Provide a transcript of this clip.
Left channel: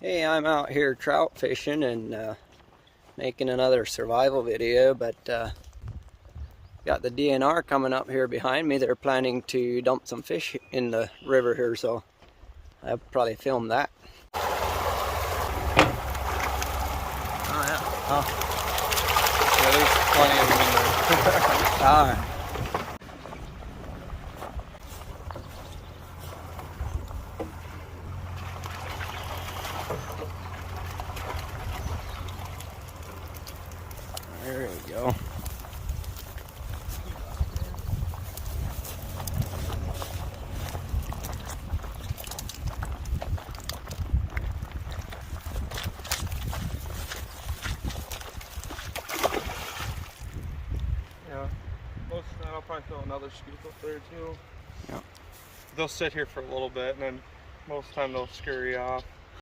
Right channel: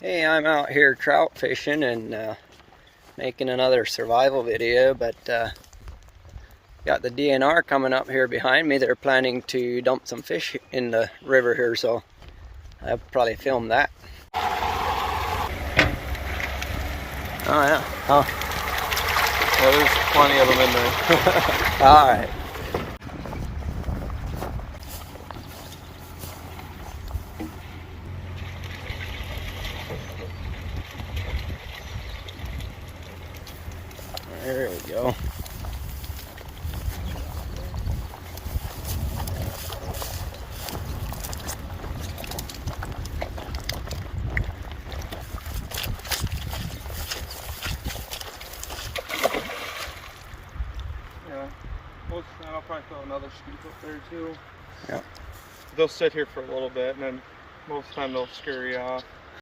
Hey, I'm out here trout fishing and making another survival video, but got the DNR coming up here behind me. They're planning to dump some fish in the river here, so I'll probably film that. Oh yeah. Oh. Yeah, there's plenty of them in there. All right. There we go. Yeah, most of the time I'll probably throw another scoop up there too. Yep. They'll sit here for a little bit and then most of the time they'll scurry off.